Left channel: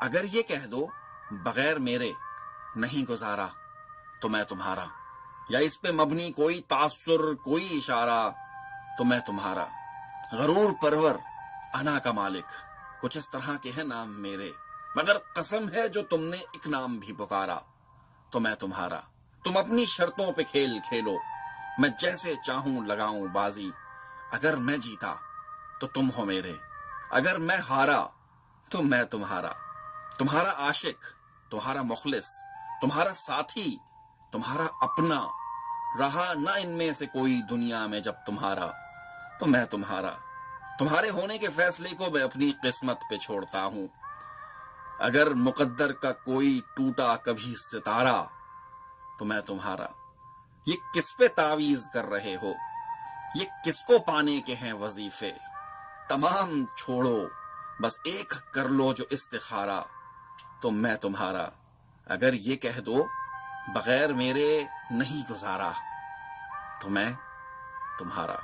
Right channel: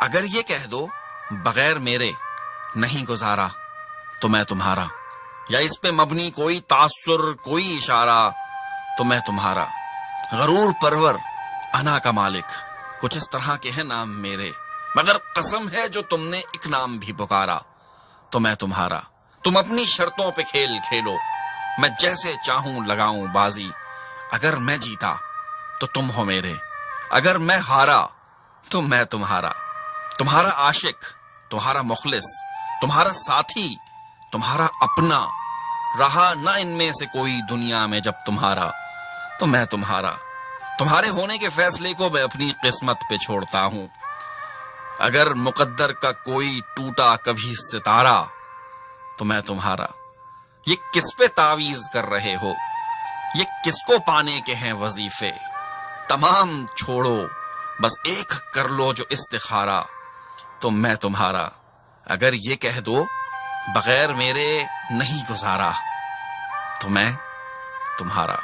اگر یہ کہہ دو بغیر میرے نہیں گزارا تو میں تمہارا، یا اس پہ مبنی کوئی تاثر کوئی اشارہ تو میں تمہارا، غرور پرور انا کا مالک، کچھ اس طرح کے ہیں نام میرے، مگر قسم ہے جو تم نے ایک نام بھی پکارا تو میں تمہارا۔ تم اپنی شرطوں پہ کھیل کھیلو، میں جیسے چاہوں لگاؤں بازی، اگر میں جیتا تو تم ہو میرے، اگر میں ہارا تو میں تمہارا، تمہارا عاشق، تمہارا مخلص، تمہارا ساتھی، تمہارا اپنا، رہا نہ ان میں سے کوئی دنیا میں جب تمہارا تو میں تمہارا۔ تمہارے ہونے کے فیصلے کو میں اپنی قسمت پہ چھوڑتا ہوں، اگر مقدر کا کوئی ٹوٹا کبھی ستارہ تو میں تمہارا۔ یہ کس پہ تعویذ کر رہے ہو، یہ کس کو پانے کے ہیں وظیفے، تمام چھوڑو بس ایک کر لو جو استخارہ تو میں تمہارا۔ اگر یہ کہہ دو بغیر میرے نہیں گزارا تو میں تمہارا۔